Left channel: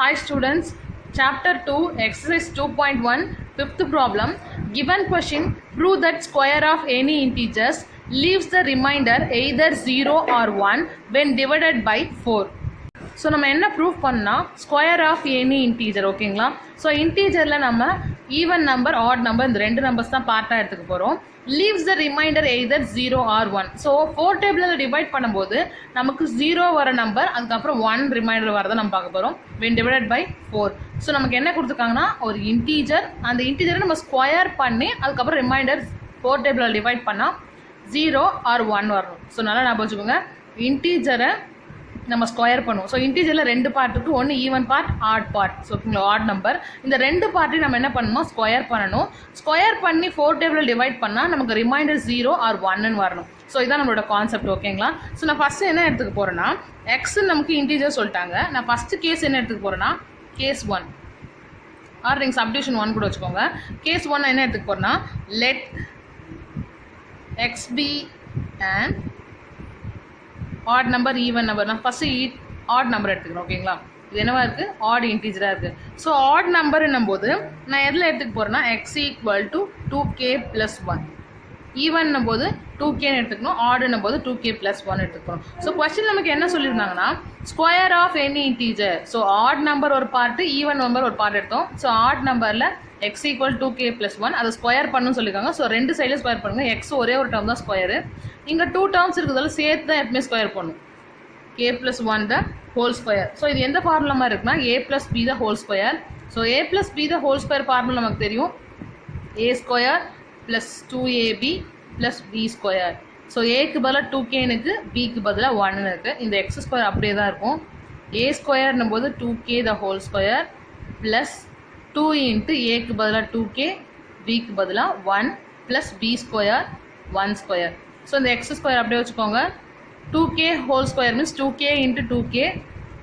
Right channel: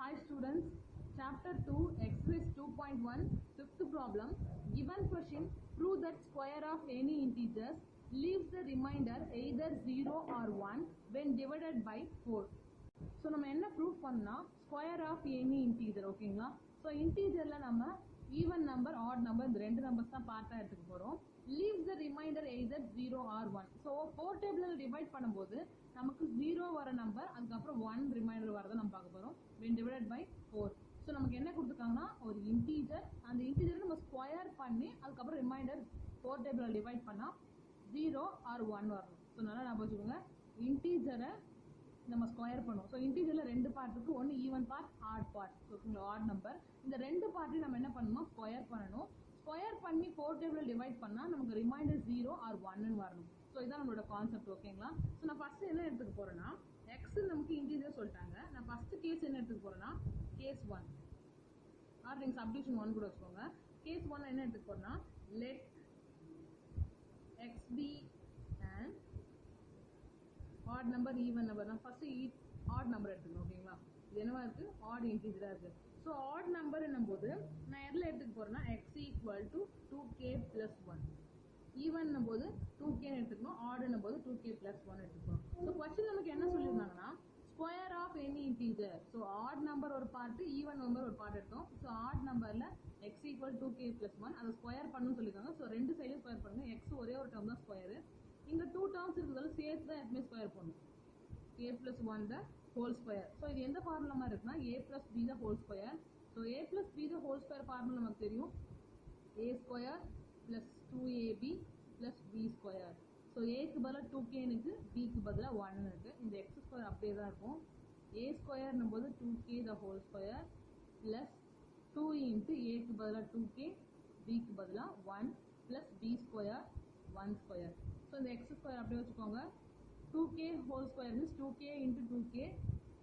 Hi students, chapter 2, exercise 2.1, fifth problem. Given question, prove that square of any integers leaves the remainder either 0 or 1 when divided by 4. So நம்ம என்ன proof பண்ணால் square of any integer ஓகேங்களா. So இன்டீஜரில் நம்ம even number add number இந்த ரெண்டு numbers தான் பார்ட்டாக எடுத்துக்க போகிறோம். Leaves the remainder either 0 or 1. So 4 டேபிளில் டிவைட் பண்ணும்போது நமக்கு 0 வர நம்பர் அதுக்கப்புறம் 1 ரிமைண்டர் வரதை நம்ம பார்க்க போகிறோம் when divided by 4. ஸோ நமக்கு என்ன கொடுத்துருக்காங்கன்னா ஒரு இன்டீஜர், அந்த இன்டீஜரை நம்ம ஸ்கொயர் பண்ணி அதுக்கப்புறம் ரிமைண்டர் 4 டேபிளில் டிவைட் பண்ணால் 0 ஆர் 1 வரணும். ஸோ நல்லா ஞாபகம் வச்சுக்கோங்க, இன்டீஜரை நம்ம ஸ்கொயர் பண்ணுவோம். ஸோ இன்டீஜரில் ரெண்டு பார்ட் இருக்குது, ஒன்று even part odd part. So ஓகேங்களா, ஆட் நம்பர் இந்த ரெண்டு பார்ட்டையும் நம்ம என்ன பண்ணணுமோ ஸ்கொயர் பண்ணணும். ஸ்கொயர் பண்ணி 4 டேபிளில் டிவைட் பண்ணால் நமக்கு ரிமைண்டர் 0 ஆர் 1ன்னு வரணும். ஸோ இதான் நம்மளோட கான்செப்ட் ஓகேங்களா. ஸோ நான் ஃபஸ்ட்டு என்ன எடுத்துக்க போகிறேன்னா எக்ஸ் நமக்கு இன்டீஜர் சொல்லிட்டாங்க. நான் ஃபஸ்ட்டு கேஸ் என்ன எடுத்துக்க போகிறேன்னா கேஸ் 1 ஆர் நீங்கள் சப்டிவிஷன் 1 கூட வச்சுக்கோங்க. கேஸ் 1 என்ன எடுத்துக்க போகிறேன்னா let x be and odd number even number. நான் ஃபஸ்ட்டு ஆட் நம்பர் எடுத்துக்கிறேன் ஓகேங்களா. இது என்னவா இருக்குது, ஆட் இன்டீஜராக இருக்குது. ஸோ ஆட் நம்பர்ன்னும் போது நான் எதில் எடுத்துக்க போகிறேன்னா எக்ஸ் ஈக்குவல் டு 2k + 1. ஈவன்னும் போது 2kன்னு எடுத்துக்கணும், ஆடுன்னும் போது 2k + 1 எடுத்துக்கணும். ஸோ கொஸ்டின் நமக்கு என்ன சொல்லியிருந்தாங்கன்னா square of any integer. So odd number ஒரு பார்ட்டு, ஈவன் நம்பர் ஒரு பார்ட் எடுத்தோம். ஸோ ஆட் நம்பரில் எக்ஸ் ஈக்குவல் 2k + 1 அதை ஸ்கொயர் பண்ணணும்னு சொல்லியிருக்காங்க. ஸோ ரெண்டு சைடில் ஸ்கொயர் பண்ணுங்கள். எக்ஸ் ஒரே ஒரு டேர்ம் தான் ஸ்கொயரு, இங்கே 2 டேர்ம்ஸ் இருக்கிறதால சேர்த்து தான் எப்பவுமே ஸ்கொயர் பண்ணும். k + 1 த ஹோல் ஸ்கொயர். ஸோ இது எந்த ஃபார்முலா இருக்குன்னா a + b the whole square. So a + b the whole square formula நமக்கு தெரியும், a square + 2ab + b square. So ஏக்கு பதிலாக 2kனுக்கு பிக்கு பதிலாக 1ன்னு இருக்குது. இந்த எக்ஸ் ஸ்கொயர் அப்படியே தான் இருக்கும். a ஸ்கொயர்னும் போது 2k the whole square plus 2 into ஏக்கு பதிலாக 2k, பிக்கு பதிலாக 1 plus b square 1 square. So இந்த எக்ஸ் ஸ்கொயர் அப்படியே வச்சுக்கோங்க. 2k whole square means 2k into 2k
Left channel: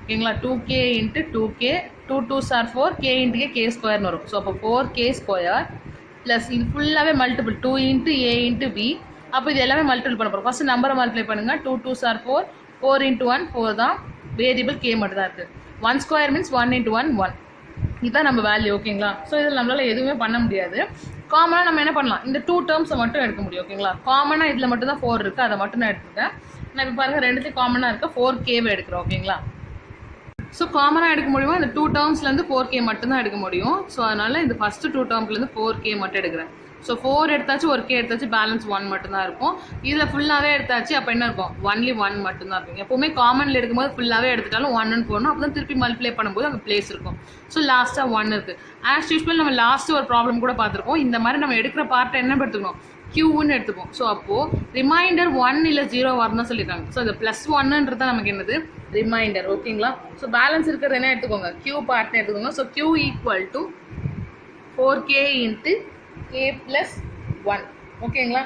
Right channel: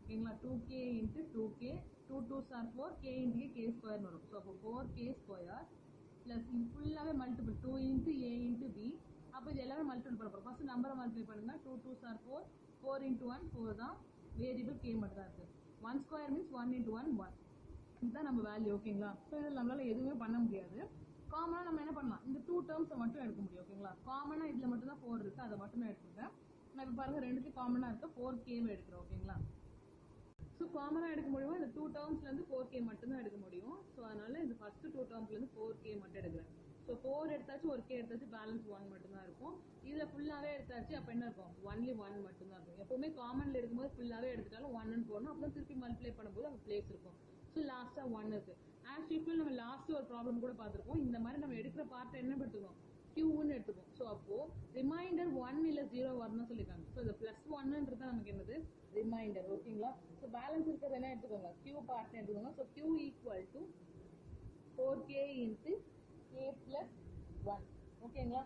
ஓகேங்களா. 2k into 2k, 2 2s are 4, k into k ஸ்கொயர்னு வரும். ஸோ அப்போ 4k ஸ்கொயர் ப்ளஸ் இது ஃபுல்லாகவே multiple 2 into a into b. அப்போ இது எல்லாமே மல்டிபிள் பண்ண போகிறோம். ஃபஸ்ட்டு நம்பரை மல்டிப்ளை பண்ணுங்கள். 2 2s are 4, 4 இன்ட்டு 1 4 தான், வேரியபிள் k மட்டும் தான் இருக்குது. 1 ஸ்கொயர் மீன்ஸ் 1 இன்ட்டு 1 1. இதுதான் நம்ம வேல்யூ ஓகேங்களா. ஸோ இதில் நம்மளால் எதுவுமே பண்ண முடியாது. காமனாக நம்ம என்ன பண்ணலாம், இந்த 2 டேர்ம்ஸை மட்டும் எடுக்க முடியும் ஓகேங்களா. காமனாக இதில் மட்டும் தான் 4 இருக்குது, அதை மட்டும் நான் எடுத்துக்கிறேன். நான் இப்போ பாருங்கள் ரெண்டுத்தையும் காமனாக இருக்க 4kவை எடுக்கிறோம் ஓகேங்களா. ஸோ காமனாக எடுக்க முடியுமா, இந்த 2 டேர்ம்ஸ்லேருந்து 4k மட்டும்தான் எடுக்க முடியும். ஸோ அதனால் இந்த ஃபஸ்ட்டு 2 டேர்ம்லேருந்து 4k மட்டும் எடுக்கிறேன். ஸோ 4 எடுத்தாச்சு, ஒரு k எடுத்தாச்சு, பேலன்ஸ் 1 மட்டும்தான் இருக்கும். இதில் ஃபுல்லாகவே எடுத்தாச்சு, அப்போ என்ன இருக்கும், ஒன்லி 1 மட்டும்தான் இருக்கும். எப்போவுமே காமனில் எடுக்கும்போது ஃபுல்லாகவே எடுத்துட்டாலும் 1ன்னு போடணும், அப்போ தான் திருப்பி மல்டிப்ளை பண்ணும்போது அங்கே பிளேஸ் இருக்கும். ஸோ லாஸ்ட்டாக 1 இருக்குது. ஆஸ் யூஸ்வல் நம்ம லாஸ்ட்டு ஒரு ப்ராப்ளம் கூட பார்த்துருக்கோம். இந்த மாதிரி நம்ம எடுக்கிற பார்ட்டை என்ன எடுத்துக்கணும், க்யூன்னு எடுத்துப்போம். ஸோ அப்போது ரிமைண்டர் 1 இல்லை 0 வரணும்னு சொல்லியிருக்காங்க. ஸோ இந்த +1ன்றது தான் நமக்கு என்னது ரிமைண்டர் ஓகேங்களா. ஸோ பேலன்ஸ் இருக்கிறது என்ன எடுத்துக்கோங்க, க்யூ பார்ட்னு எடுத்துக்கோங்க. So Q equal to 4k into k + 1 ஓகேங்களா.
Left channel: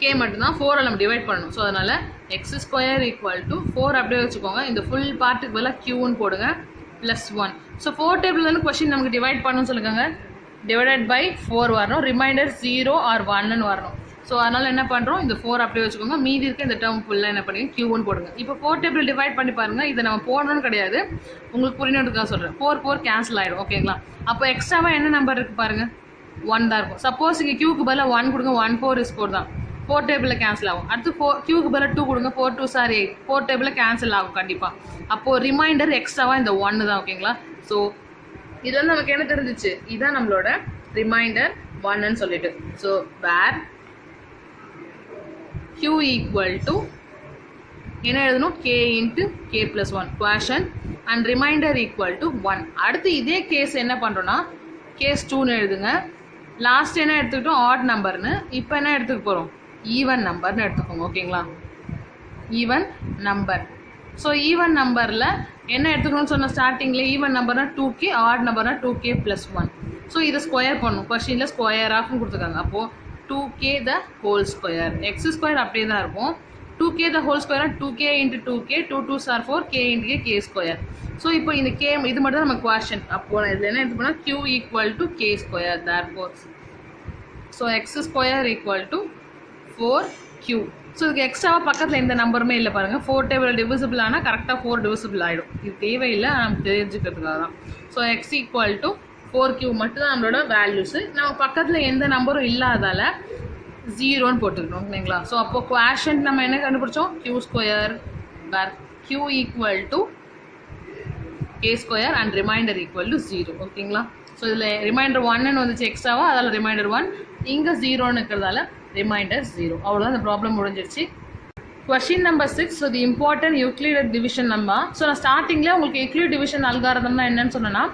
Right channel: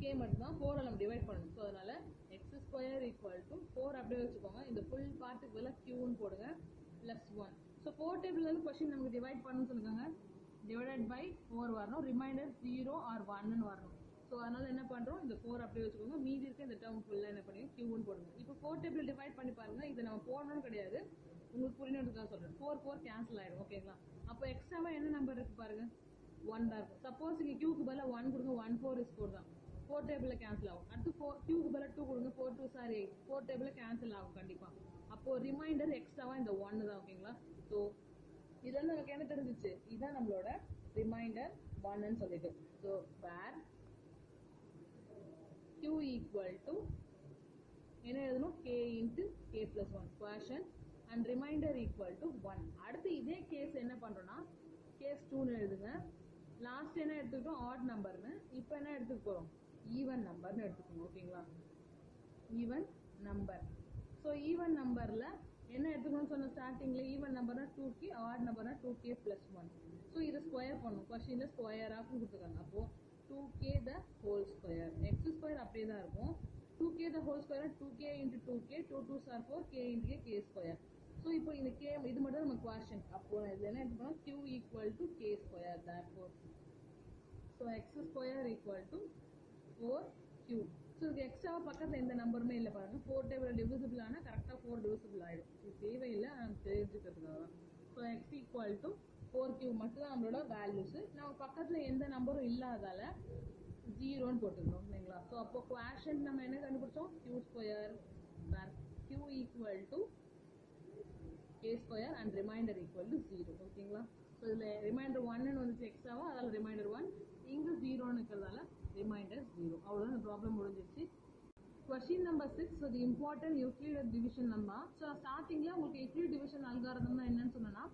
k மட்டும்தான், 4 நம்ம டிவைட் பண்ணணும். ஸோ அதனால் எக்ஸ் ஸ்கொயர் ஈக்குவல் டு 4 அப்படியே வச்சுக்கோங்க. இந்த ஃபுல் பார்ட்டுக்கு பதிலாக க்யூன்னு போடுங்க +1. ஸோ 4 டேபிள் வந்து கொஸ்டின் நமக்கு டிவைட் பண்ணணும்னு சொல்லியிருக்காங்க. டிவைடட் பை 4 வரணும், ரிமைண்டர் 0 ஆர் 1ன்னு வரணும். ஸோ அதனால் என்ன பண்ணுறோம், இந்த 4 அப்படியே வச்சுக்கோங்க. மீதி இருக்க இந்த டேர்ம் ஃபுல்லாக என்ன பண்ணுங்க, க்யூன்னு போடுங்க. இப்போ 4 டேபிள் டிவைட் பண்ணி பாருங்கள். இதை நம்ம போடணும்னு கிடையாது, உங்களுக்கு புரியணுன்றதுக்காக சொல்கிறேன். 4 4 கேன்சல் ஆகிடும் ஓகேங்களா. அப்போ எக்ஸ்ட்ராவாக என்ன நம்பர் இருக்குது பாருங்கள், 1 தான் இருக்கும். சப்போஸ் இங்கே க்யூக்கு பதிலாக 1 கொடுங்க, 1 4 is 4 தான், 4 டேபிளில் கேன்சல் ஆகும். அடுத்து க்யூக்கு பதிலாக 2 கொடுங்க, 4 2s are 8, 4 டேபிளில் கேன்சல் ஆகும் கண்டிப்பாக. அப்போது ரிமைண்டர் எக்ஸ்ட்ராவாக இந்த 1 தான் ஓகேங்களா. ஸோ இது வந்து நமக்கு என்ன தெரிஞ்சிச்சு, இதுதான் நம்மளோட ரிமைண்டர் 1ன்னு சொல்லிட்டு. So where q equal to என்ன எழுதணும், k into k + 1 quotient and remainder equal to 1. அடுத்து இதே கேஸ் என்ன பண்ணுறோன்னா கேஸ் 2ன்னு எழுதுங்க. லாஸ்ட் என்ன எடுத்துக்கிட்டோம், ஆட் நம்பர்னு. இப்போ என்ன எடுத்துக்க போகிறோம், ஈவன் நம்பர்னு எடுத்துக்கோங்க ஓகேங்களா. Even number. ஸோ ஈவன் நம்பரில் என்ன எடுத்துக்கணும்னு சொன்ன ஸ்டார்டிங்கில், ஈவன் நம்பர்னால் 2k, ஆட் நம்பர்னால் 2k + 1. ஸோ இதை ஸ்கொயர் பண்ணணும். கொஸ்டினில் ஸ்கொயர் ஆஃப்னு கொடுத்துருக்காங்க. அப்போது 2k the whole square, x square அப்படியே தான் இருக்கும். 2k the whole square 2k into 2k, 2 2s are 4, k into k square. So இப்போ இந்த k இது மட்டும் தான் நம்ம குவேஷன். அப்போது இதில் என்ன எடுத்து போனால் q equal to k square therefore. So X square equal to 4q. So இதுக்கு எக்ஸ்ட்ராவாக பக்கத்தில் எந்த நம்பருமே இல்லை பாருங்கள். 4 டேபிள் டிவிசிபிள் ஆனால் கரெக்டாக 4 டிவிசிபிள் ஆகிடும். இது தேவையில்லை, நம்ம தெரிஞ்சுக்கிறதுக்காக தான். So X equal to 4q மட்டும் தான் நம்மளோட வேல்யூஸு. நம்ம பக்கத்தில் எந்த நம்பரும் இல்லாதால 0ன்னு போட்டுக்கணும் ஓகேங்களா. ஸோ அப்போ குவாஷன்ட் நம்ம என்ன கண்டுபிடிச்சோம், q² where q equal to k² and remainder equal to 0 ஓகேங்களா. ஸோ இதில் ரிமைண்டர் 1ன்னு வந்துச்சு எக்ஸ்ட்ராவாக, அதில் ரிமைண்டர் 1, இங்கே 0ன்னு இருக்கிறதால ரிமைண்டர் 0. அவ்வளோதான் இந்த ப்ராப்ளம் முடிஞ்சிருச்சு. Question number 6. So the important Euclid division number. So நான் ஸ்டார்டிங்கில் உங்களுக்கு யூக்ளிட் டிவிஷன் அல்காரதம்னா என்னன்னு சொன்னேன்னா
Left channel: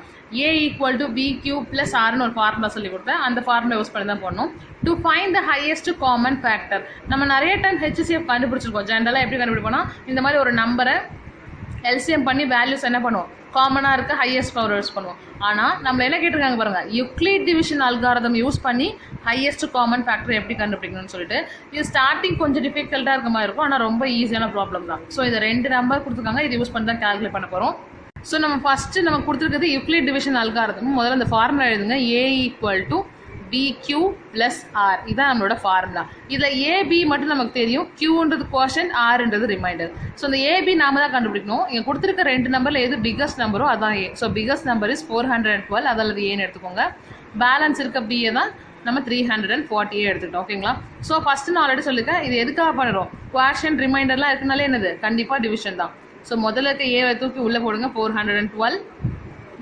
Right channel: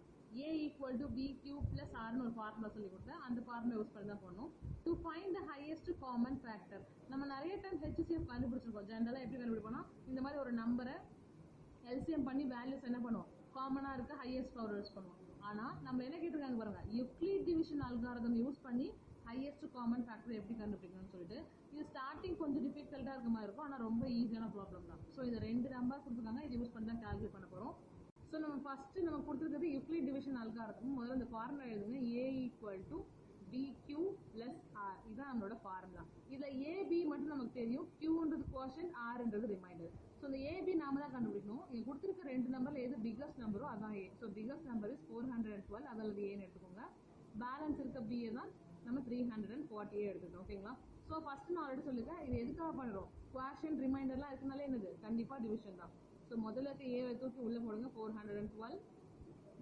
a ஈக்குவல் டு bq + rன்னு ஒரு ஃபார்முலா சொல்லி கொடுத்தேன். அந்த ஃபார்முலா யூஸ் பண்ணி தான் பண்ணணும். To find the highest common factor. நம்ம நிறைய டைம் HCF கண்டுபிடிச்சிருக்கோம். ஜென்ரலாக எப்படி கண்டுபிடிப்போம்னா இந்த மாதிரி ஒரு நம்பரை எல்சிஎம் பண்ணி வேல்யூஸ் என்ன பண்ணுவோம், காமனாக இருக்க ஹையஸ்ட் பவர் யூஸ் பண்ணுவோம். ஆனால் நம்ம என்ன கேட்டிருக்காங்க பாருங்கள், யூக்ளிட் டிவிஷன் அல்காரதம் யூஸ் பண்ணி ஹையஸ்ட் காமன் ஃபேக்டர் எப்படி கண்டுபிடிக்கணும்னு சொல்லிட்டு. இது ஸ்டார்டிங் கொஞ்சம் டிஃபிகல்ட்டாக இருக்க மாதிரி இருக்கும், ஆனால் ரொம்ப ஈஸியான ப்ராப்ளம் தான். ஸோ இதை 2 நம்பர் கொடுத்துருக்காங்க, இது யூஸ் பண்ணி தான் கால்குலேட் பண்ண போகிறோம். ஸோ நம்ம ஃபஸ்ட்டு நம்ம கொடுத்துருக்கிறது யூக்ளிட் டிவிஷன் அல்காரதம். முதல்ல இந்த ஃபார்முலா எழுதுங்க, a equal to bq + r. இதான் நம்மளோட ஃபார்முலா. இதில் ab மட்டும் நமக்கு தெரியும், qன்றது குவாஷன்ட், rன்றது ரிமைண்டர். ஸோ இந்த ab நாம தான் கண்டுபிடிக்கணும். இங்கே கொடுத்துருக்க 2 நம்பரில் எது பிக்கஸ்ட் நம்பரோ அதான் a. So biggest number is 412, அதில் ஏன்னு எடுத்துக்கோங்க. பேலன்ஸ் இருக்க b தான் நம்ம 340 எடுத்துக்கிட்டோம் ஓகேங்களா. ஸோ ஃபஸ்ட்டு நான் ஆல்ரெடி சொல்லியிருக்கேன், இது எதுக்காக பண்ணுறோம், குவாஷன்ட் ரிமைண்டர்லாம் இருக்குனாலே என்னது, கண்டிப்பாக டிவிஷன் தான். ஸோ முதல்ல இருக்க ஏவை தூக்கி உள்ளே போடுங்க, 412,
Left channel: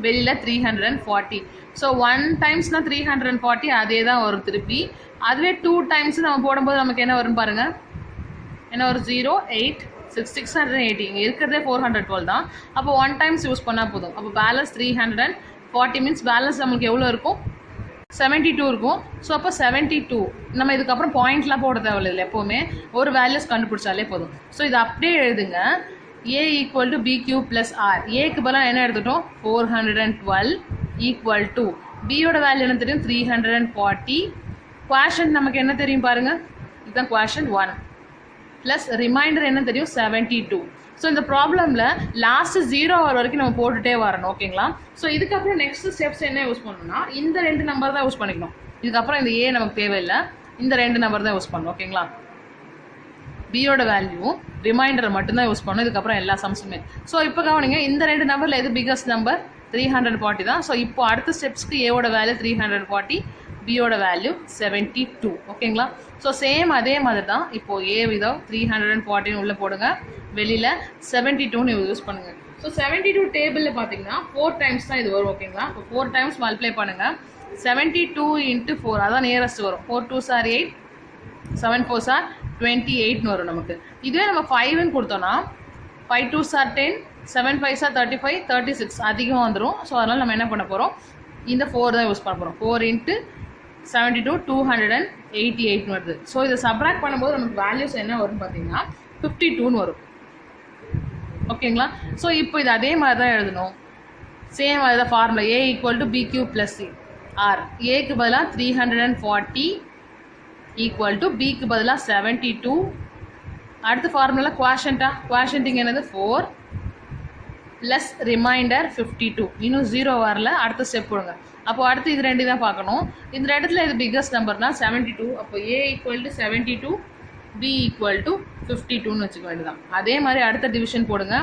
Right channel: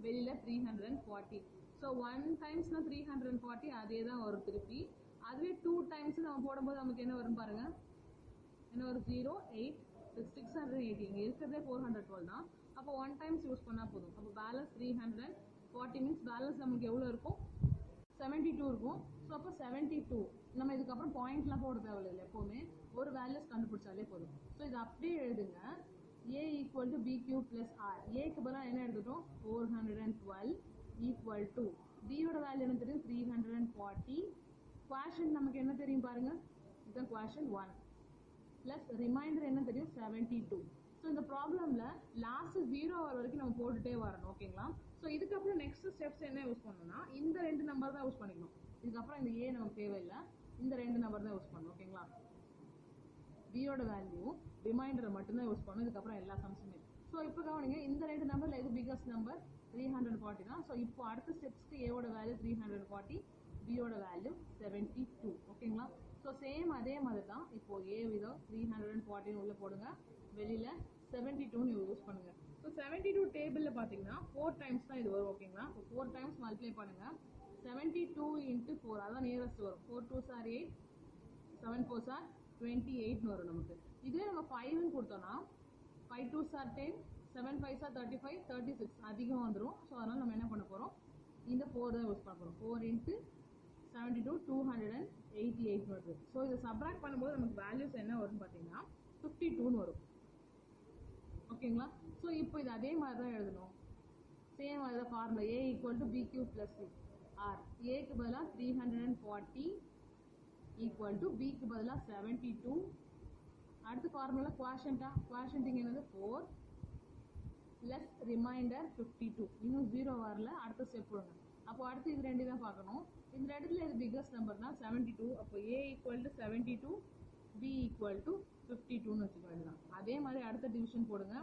வெளியில் 340. ஸோ 1 டைம்ஸ்னால் 340, அதே தான் வரும் திருப்பி. அதுவே 2 டைம்ஸ் நம்ம போடும்போது நமக்கு என்ன வரும் பாருங்கள், என்ன ஒரு 0, 8, 680. இங்கே இருக்கிறதே 412 தான். அப்போ 1 டைம்ஸ் யூஸ் பண்ணால் போதும். அப்போ பேலன்ஸ் 340 மீன்ஸ் பேலன்ஸ் நம்மளுக்கு எவ்வளோ இருக்கும், 72 இருக்கும். ஸோ அப்போ 72. நம்ம இதுக்கப்புறம் பாயிண்ட்லாம் போட தேவையில்லை, எப்போவுமே ஒரு வேல்யூஸ் கண்டுபிடிச்சாலே போதும். ஸோ இது அப்படியே எழுதுங்க, a equal to bq + r. ஏக்கு பதிலாக என்ன எடுத்துட்டோம், 412 ஈக்குவல் டு பியோட வேல்யூ என்ன தெரியும், 340. குவாஷன்ட் நமக்கு என்ன தெரியும் பாருங்கள், இதுதான் குவாஷன்ட் 1 ப்ளஸ் ரிமைண்டர் என்ன தெரியும், 72. ஸோ இந்த ப்ராப்ளமில் லாஸ்ட்டு 0 வர வரைக்கும் நம்ம போட்டுகிட்டே வரணும் ஓகேங்களா. ஸோ இதுக்கப்புறம் நெக்ஸ்ட் ஸ்டெப்ஸ் என்ன யூஸ் பண்ணணும்னா இந்த 2 நம்பர் தான் யூஸ் பண்ணிக்கணும். இதுக்கப்புறம் இந்த a நமக்கு தேவையில்லை, இந்த 2 நம்பர் தான் யூஸ் பண்ணணும் ஓகேங்களா. பியோட வேல்யூ ரிமைண்டரை மட்டும்தான் யூஸ் பண்ணணும் இதுக்கப்புறம் எல்லா சம்ஸுமே. ஸோ இப்போ கவனிங்க, இந்த 2 நம்பரில் எது பிக்கஸ்ட் நம்பர், 340 தான். ஸோ இப்போ அடுத்த ஸ்டெப்ஸ்க்கு ஏவோட வேல்யூ 340, பியோட வேல்யூ 72 ஓகேங்களா. ஸோ சேம் அதே மாதிரி தான் இப்போது ஏ விதம் 340 உள்ளே போடுங்க, வெளியில் 72ன்னு யூஸ் பண்ணுங்கள். ஸோ 72 டேபிளில் பார்த்தீங்கன்னா 4 டைம்ஸ் தான் இது வரும் ஓகேங்களா. இப்போ 4 டைம்ஸ் மல்டிப்ளை பண்ணுங்கள், 72 × 4 அதான் நியரஸ்ட் வரும். 4 2s are 8, 7 4s are 28ன்னு வரும் நமக்கு. இதுவே நம்ம 5ன்னு கொடுத்தோன்னா 5 2s are 10, 7 5s are 35, 36 அதிகம் வந்துடும். ஸோ அதனால் நம்ம என்ன பண்ண போகிறோம், இந்த 4 தான் யூஸ் பண்ண போகிறோம். 4 × 72 288ன்னு வருது. ஸோ இதை சப்ராக்ட் பண்ணும்போது நமக்கு வேல்யூஸ் என்ன வரும்னு பார்த்தீங்கன்னா 52ன்னு வரும் ஓகேங்களா. ஸோ இப்போ இது அதே மாதிரி தான் எழுதணும், சேம் அதுதான் formula. a equal to bq + c r. ஏக்கு பதிலாக 340 ஈக்குவல் டு பிக்கு பதிலாக 72. அடுத்த ஃபார்முலா குவாஷன்ட்டிங் என்னது 4 ப்ளஸ் ரிமைண்டர் 52. இன்னும் 0 வரல, அடுத்த ஸ்டெப் போடுங்க. அப்போ அடுத்து இது 2 தான் பார்க்கணும். இந்த இடத்துல இது பிக்கஸ்ட் நம்பர்னால் 72. அப்போ a equal to 72, b equal to 52ன்னு வச்சுக்க வேண்டியதான். அதே மாதிரி அடுத்த டிவிஷன் போடுங்க,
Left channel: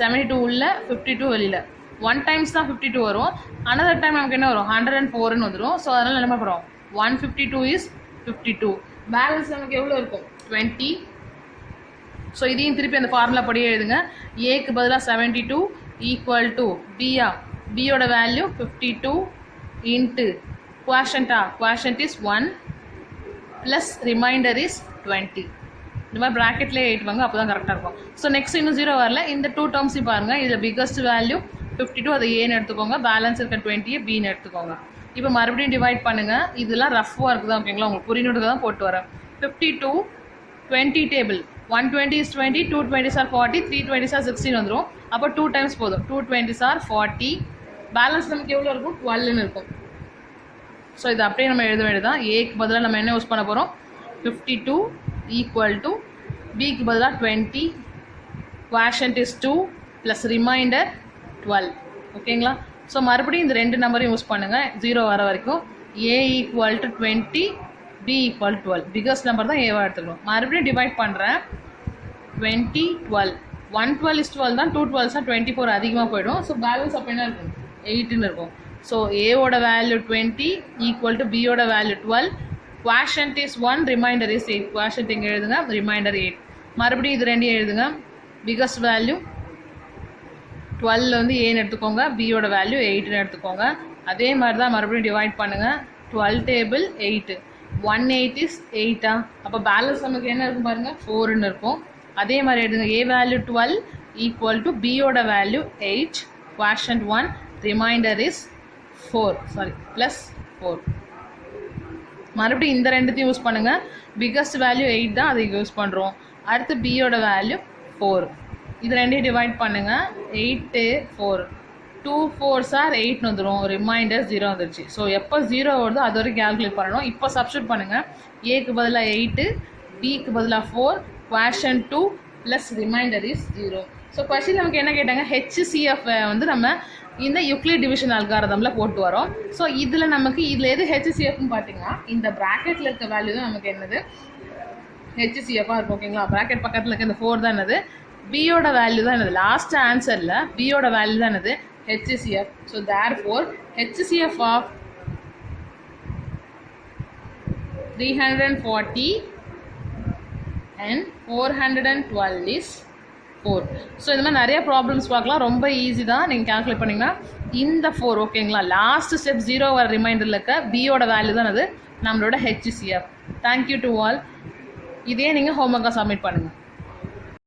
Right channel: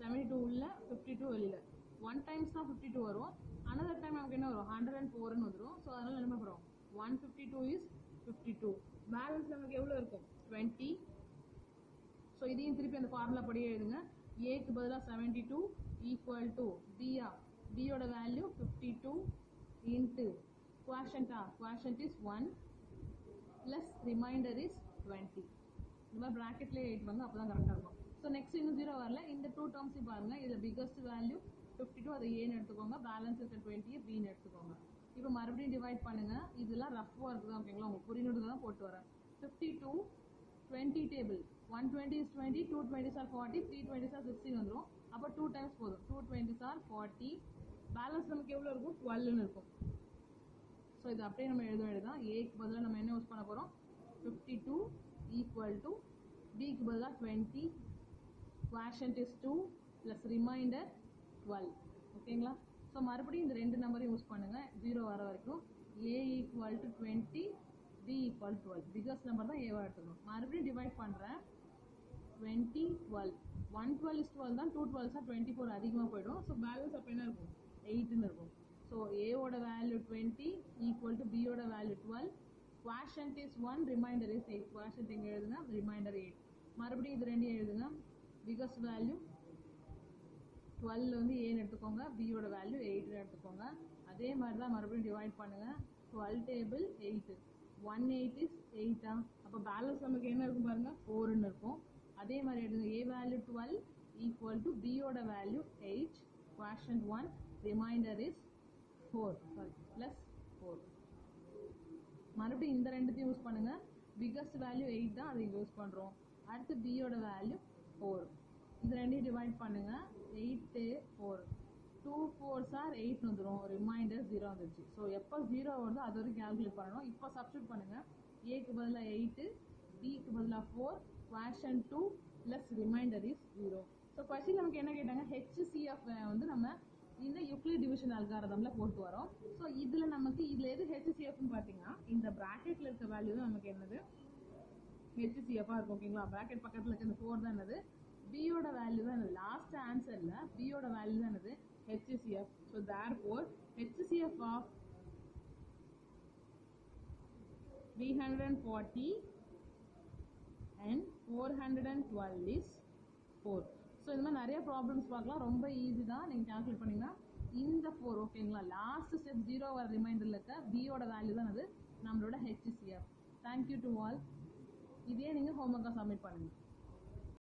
72 உள்ள 52 வெளியில். 1 டைம்ஸ் தான் 52 வரும், அனதர் டைம் நமக்கு என்ன வரும், 104ன்னு வந்துடும். ஸோ அதனால் என்ன பண்ணுறோம், 152 இஸ் 52. பேலன்ஸ் நமக்கு எவ்வளோ இருக்கும், 20. ஸோ இதையும் திருப்பி அந்த ஃபார்முலா படியே எழுதுங்க. ஏக்கு பதிலாக 72 ஈக்குவல் டு பியோட value 52 into quotient is 1 plus reminder is 20. இந்த மாதிரி ப்ராக்கெட்லேயே எழுதிவாங்க, அப்போ தான் கரெக்டாக இருக்கும். ஸோ நெக்ஸ்ட் இன்னும் 0 வரல, இந்த 2 டேர்ம்ஸையும் பாருங்கள். இதில் பிக்கஸ்ட் வேல்யூ 52, அதை ஏன்னு எடுத்துக்கோங்க, பேலன்ஸ் இருக்க 20 பின்னு எடுத்துக்கோங்க. இப்போ மறுபடியும் டிவைட் பண்ணுங்கள். இதெல்லாம் ரஃப் ஒர்க் தான் ஓகேங்களா, உங்களுக்கு புரியணுட்டு தான் போட்டு வரேன். 52 20 table, 120 is 20, 220s are 40, 320s are 16 வந்துடும். அப்போ 2 டைம்ஸ் போதும், 220s are 40. பேலன்ஸ் நமக்கு எவ்வளோ இருக்கும், 12ன்னு இருக்கும். ஸோ இது அப்படியே நம்ம எழுத வேண்டியதான். ஏக்கு பதிலாக நம்ம என்ன யூஸ் பண்ண போகிறோம், 52 ஈக்குவல் டு பிக்கு பதிலாக 20, குவாஷன்ட் இஸ் 2 ப்ளஸ் ரிமைண்டர் 12 ஓகேங்களா. ஸோ மறுபடியும் இந்த 2 நம்பரையும் யூஸ் பண்ணுங்கள் 0 வர வரைக்கும். a equal to 20, b equal 12. Biggest number தான் ஏவாக எடுத்துக்கணும். மறுபடியும் டிவைட் பண்ணுறேன். 20 12 112 is 12 தான், 2 12 தான் 24 அதிகமாக போயிடும். ஸோ பேலன்ஸ் அப்போ என்ன இருக்கும் 8ன்னு இருக்கும். ஸோ ஏவோட வேல்யூ 20 ஈக்குவல் டு பியோட value 12. Quotient is 1, reminder is 8. Quotient இங்கே எழுதுங்க, ரிமைண்டர் 8. மறுபடியும் இது ரெண்டையும் எழுதுங்க. பிகஸ்ட் வேல்யூ 12 வந்து ஏன்னு எடுத்துக்கோங்க, பியோட வேல்யூ 8ன்னு எடுத்துக்கோங்க. அதே மாதிரி தான் மறுபடியும் டிவைட் பண்ணுங்கள். 12 டேபிள் 8, 1/8 இஸ் 8. அப்போ பேலன்ஸ் நமக்கு என்ன இருக்கும் பாருங்கள் 4ன்னு இருக்கும். அதே மாதிரி எடுங்க, ஏ வேல்யூ 12 ஈக்குவல் டு பியோட value 8, quotient 1, reminder is 4 plus 4. மறுபடியும் இந்த ரெண்டுத்தையும் யூஸ் பண்ணுங்கள். பிகஸ்ட் வேல்யூ 8 தான், அதை யூஸ் பண்ணுறோம். அடுத்து பியோட வேல்யூ 4. இது ரெண்டையும் டிவைட் பண்ணுங்கள். 8 4, 2 4s are 8ன்னு வந்துடும். ரிமைண்டர் 0 வந்துருச்சு. ஸோ எப்போ 0 வருதோ அது வரைக்கும் கேல்குலேட் பண்ணணும். இப்போ சப்ஸ்டியூட் பண்ணுங்கள். ஏக்கு பதிலாக 8, பிக்கு பதிலாக 4, குவாஷன் 2 plus reminder is 0. So question நமக்கு என்ன கேட்டாங்க, HCF வந்து நம்ம இந்த யூக்ளிட் டிவிஷன் அல்காரிதமில் போட்டு வரோம். ஸோ இதில் நமக்கு இதில் எது HCFன்னு பார்த்தீங்கன்னா இந்த ப்ராக்கெட்டில் இருக்க வேல்யூ தான் நமக்கு என்னது HCF இருக்கும். ஓகேங்களா, ப்ராக்கெட் பக்கத்தில் இருக்க இந்த 4 தான் என்னது, பியோட வேல்யூ தான் என்னது, லாஸ்ட் ஆன்சரில் பியோட வேல்யூ தான் என்னது HCF. So therefore HCF of 340 and 412 is 4. So இந்த மாதிரி நிறைய ப்ராப்ளம்ஸ் பார்க்கலாம். ரொம்ப ஈஸி தான், நீங்கள் கேல்குலேட் பண்ணிங்கன்னா இந்த 4. ஓகேங்களா, லாஸ்ட் ஸ்டெப் 0 வர ரிமைண்டரில் இருக்க பியோட வேல்யூ தான் அது நம்மளோட HCF. Thank you to all. இதே நீங்கள் ஹோம்ஒர்க்காக சப்மிட் பண்ணுங்கள்.